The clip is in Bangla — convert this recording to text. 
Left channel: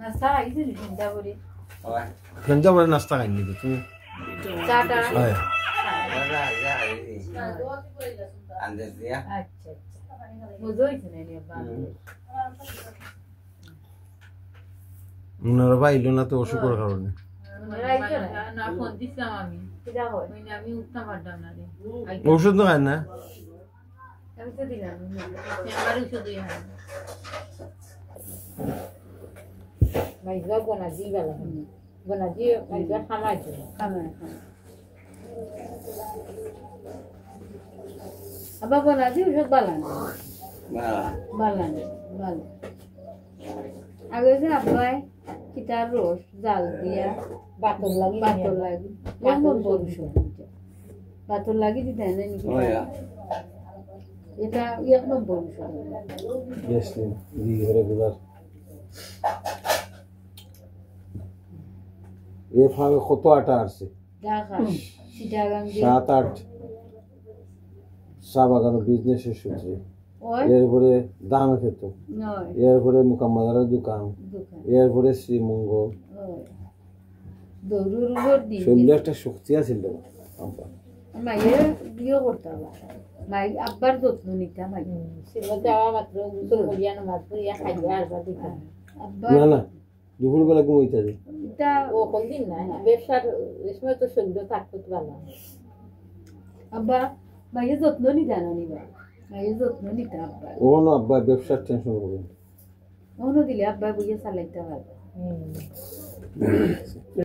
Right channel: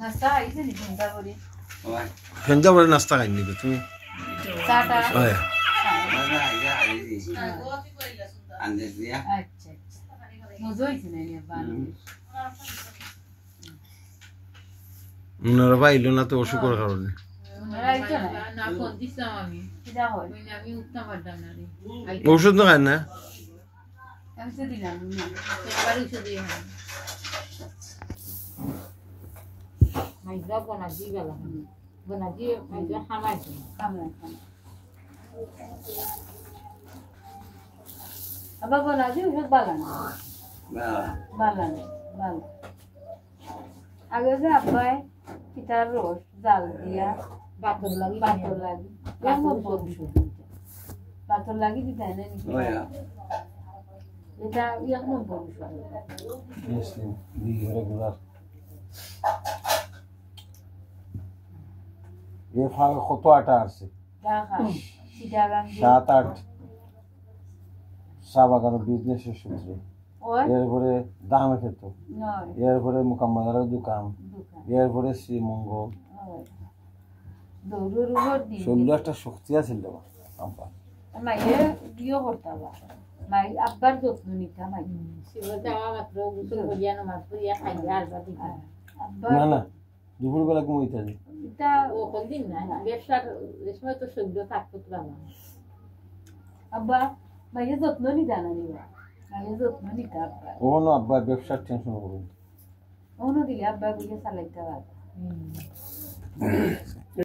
নাস্তা আইছে নি ঘন্টা করে ফেন্দা বলে নাস্তা খাই নিবে তুমি চাটা হয় আচ্ছা মজা হইছে না নি বান্ধে ওনারা পাইলো না তো অসুখের কারণে রাইতো না ফোন দিছিলাম আমি কিটা হয় আমি উঠতাম পারতাম না রে ওষুধ না খায় না আমি তো দিলাম একবার ওষুধ দিয়ে হয় মাইজা বনাজি গেল বনাজি মাইজা খামাই খামাই আবার বনাজি ওষুধ বালান বালান ভালো আগে যে আব্বাই কিটার রস জাল দিয়া বাতর লাগি কেমন বলছো বাতর লাগি দিতে না নাকি এটা এখন বলছো বেশি দিকে রেগুলার এ ফাঁকে কত আটা আসছে ঢাকা চিটাগাং 7-8 চা বাগান বিজনেসের সূত্রে এরপরে দামে খেত এরপরে মুকাম্মাদারের দোকান এরপরে শ্রীমঙ্গল শরীরে একটা শক্তি আছিল মাইয়া বিয়ে করতাম মাই আব্বার যত্ন নিতাম যাওয়া মাত্র গোসল করিয়া নামাজ পড়িয়া খাইয়া আর না না দুপুরবেলা ঘুমাইতে এটা ও কোনদিন না ব্যবসার সময় তো শরীর থাকতো ভালো আব্বা মাইয়া যত্ন নিতা না নিবা মাইয়া যত্ন নিতা আব্বা ওনো আব্বা ব্যবসার টেনশন করবেন ওনো দিলে আব্বা বুঝে চালাইতে পারবে